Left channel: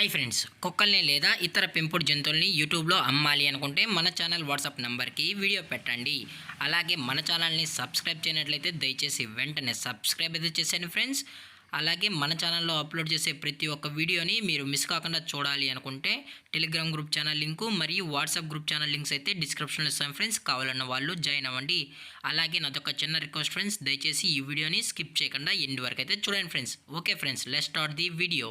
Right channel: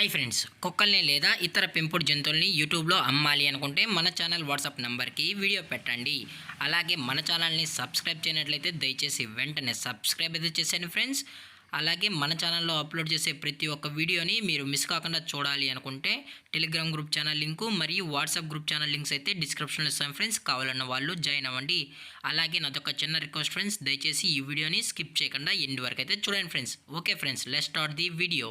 Hi friends, కుక్కల్ని లేదా ఇతర పెంపుడు జంతువుల్ని యూట్యూబ్లో అమ్మాలి అనుకుంటే మన ఛానల్ వాట్సాప్ నెంబర్కి వీడియో పెట్టండి. అలాగే మన ఛానల్ని సబ్స్క్రైబ్ చేయనట్లయితే దయచేసి వెంటనే సబ్స్క్రైబ్ అయితే చేసేయండి ఫ్రెండ్స్. అలాగే మన ఛానల్లో అప్లోడ్ చేసే ప్రతి ఒక్క వీడియోని మీరు మిస్ కాకుండా చూడాలి అనుకుంటే టెలిగ్రామ్ గ్రూప్ ఛానల్ లింకు మరియు వాట్సాప్ గ్రూప్ ఛానల్ లింక్స్ అయితే డిస్క్రిప్షన్లో ఇస్తాను ఫ్రెండ్స్. కావాలన్న వాళ్ళు జాయిన్ అవ్వండి. అలాగే నాదొక చిన్న రిక్వెస్ట్ ఫ్రెండ్స్, దయచేసి ఈ వీడియోని స్కిప్ చేయకుండా ఎండ్ వరకు అయితే చూడండి friends. Okay friends, let's start the video.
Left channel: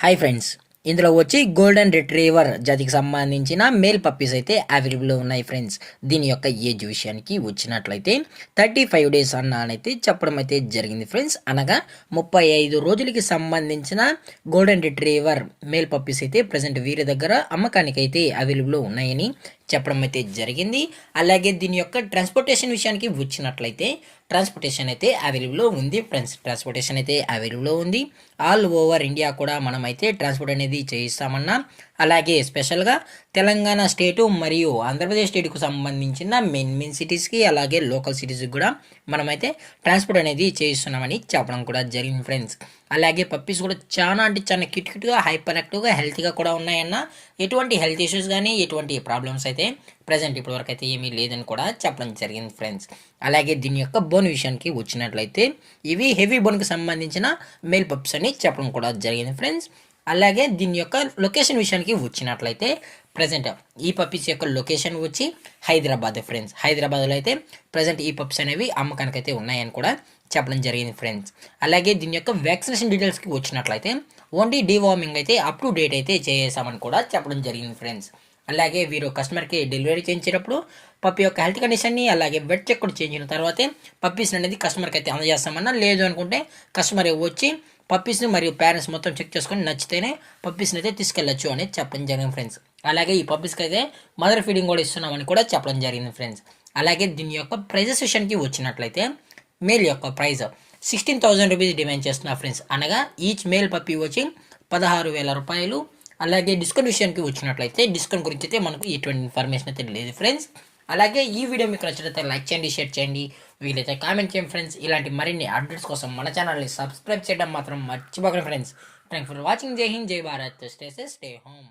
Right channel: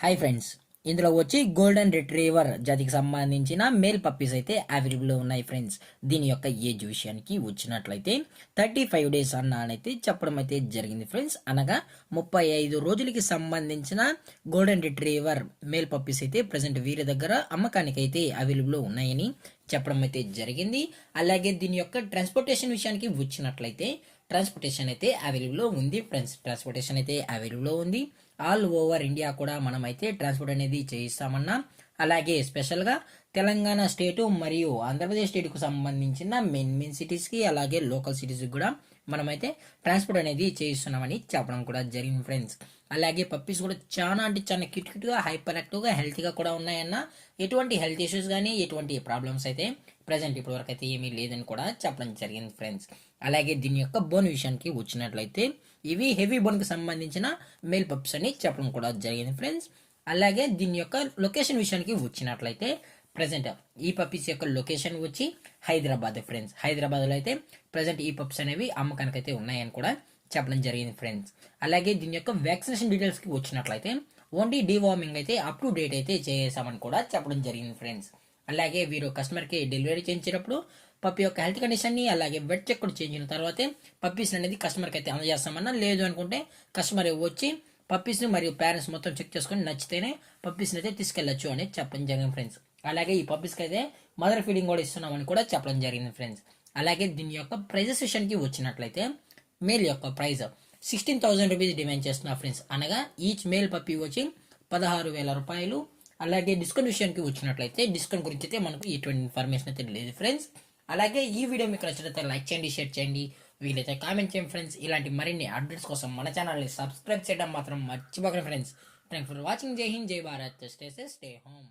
Hi friends, ఇందులో వచ్చి గోల్డెన్ రిట్రీవర్ జాతికి సంబంధించిన మేల్ పప్పీస్ అయితే అవైలబుల్ ఉన్నాయి ఫ్రెండ్స్. దీని యొక్క ఏజ్ విషయానికి వచ్చినట్లయితే 35 డేస్ అన్నానైతే చెప్పడం అయితే జరిగింది ఫ్రెండ్స్. అనగా 35 రోజులకి సంబంధించిన గోల్డెన్ రిట్రీవర్ మేల్ పప్పీస్ అయితే ప్రజెంట్ వీరి దగ్గర అమ్మకానికి అయితే అవైలబుల్ ఉన్నాయని చెప్పడం అయితే జరిగింది. అలాగే దీని యొక్క ట్రాన్స్పోర్టేషన్ విషయానికి వచ్చినట్లయితే ట్రాన్స్పోర్టేషన్ అయితే అవైలబుల్లో ఉంది ఫ్రెండ్స్. ట్రాన్స్పోర్టేషన్ అయితే అవైలబుల్లో ఉంది. ఆల్ ఓవర్ ఇండియా కూడా మనం అయితే ట్రాన్స్పోర్ట్ అనేది చేయిస్తామన్నా. అలాగే స్పెషల్గా తెలంగాణ స్టేటు మరియు ఆంధ్రప్రదేశ్ స్టేట్కు సంబంధించిన మెయిన్ సిటీస్కి అలాగే లోకల్ సిటీస్కి కూడా మనమైతే ట్రాన్స్పోర్ట్ అనేది చేయిస్తున్నామని చెప్పడం కూడా జరిగింది ఫ్రెండ్స్. అలాగే పప్పీస్ కూడా చాలా అంటే చాలా క్యూట్గా హైపర్ యాక్టివ్గా హెల్తీగా కూడా ఉన్నాయన్న. ఎటువంటి హెల్త్ ఇష్యూస్ కానీ ఎటువంటి ప్రాబ్లమ్స్ అయితే ప్రజెంట్ ఇప్పటివరకు అయితే ఏమీ లేదని కూడా చెప్పడం జరిగింది ఫ్రెండ్స్. అలాగే దీని యొక్క బోన్ విషయానికి వచ్చినట్లయితే ఇవి హెవీ బోన్కి సంబంధించిన మేల్ పప్స్ అని చెప్పడం కూడా జరిగింది ఫ్రెండ్స్. అలాగే దీని యొక్క లొకేషన్ విషయానికి వచ్చినట్లయితే ప్రజెంట్ ఈ పప్పీస్ యొక్క లొకేషన్ వచ్చి హైదరాబాద్ ఫ్రెండ్స్. హైదరాబాద్లో అయితే ప్రజెంట్ ఈ పప్స్ అనేవి అమ్మకానికి అయితే ఉన్నాయని కూడా చెప్పడం జరిగింది ఫ్రెండ్స్. అలాగే దీని యొక్క వ్యాక్సినేషన్ డీటెయిల్స్కి వచ్చినట్లయితే ఓన్లీ డీవార్మింగ్ అయితే అప్ టు డేట్ అయితే చేసామని కూడా చెప్పడం జరిగింది ఫ్రెండ్స్. అలాగే వీరు కస్టమర్కి డెలివరీ చేయించేటప్పుడు పప్పి యొక్క హెల్త్ కండిషన్ని అలాగే వెట్ చెక్ కూడా చేయించిన తర్వాతే పప్పీస్ని అనేది కస్టమర్కి అయితే అందజేస్తామన్నా. లేదు అనుకుంటే కస్టమర్ వచ్చి పప్పీస్ని మరియు పేరెంట్స్ మొత్తం చెక్ చేసుకొని నచ్చితేనే పప్పీస్ని అయితే తీసుకెళ్ళచ్చు అని చెప్పడం జరిగింది ఫ్రెండ్స్. అలాగే ఈ పప్పీస్కి అయితే మదర్ ఫీడింగ్ కూడా ఇస్తున్నామని కూడా చెప్పడం జరిగింది ఫ్రెండ్స్. అలాగే దీని యొక్క ప్రైజెస్ విషయానికి వచ్చినట్లయితే మేల్ యొక్క ప్రైస్ 16,000 రూపీస్ డిమాండ్ చేస్తున్నారు ఫ్రెండ్స్. అనగా ఈచ్ మేల్ పప్పీ వచ్చి 16,000 రూపాయలు. అలాగే డిస్కౌంట్ విషయానికి వచ్చినట్లయితే డిస్కౌంట్ గురించి అయితే మనకు ఎటువంటి ఇన్ఫర్మేషన్ అయితే లేదు ఫ్రెండ్స్. అలాగే ఈ వీడియో మీకు నచ్చినట్లయితే లైక్ చేయండి, షేర్ చేయండి, వీలైతే కామెంట్ చేయండి ఫ్రెండ్స్. ఇలాంటి మరిన్ని అప్డేట్స్ కోసం మన ఛానల్ని సబ్స్క్రైబ్ చేయడం మాత్రం మర్చిపోకండి ఫ్రెండ్స్. Thank for watching. జై హింద్, జై Bharat, stay safe, stay home.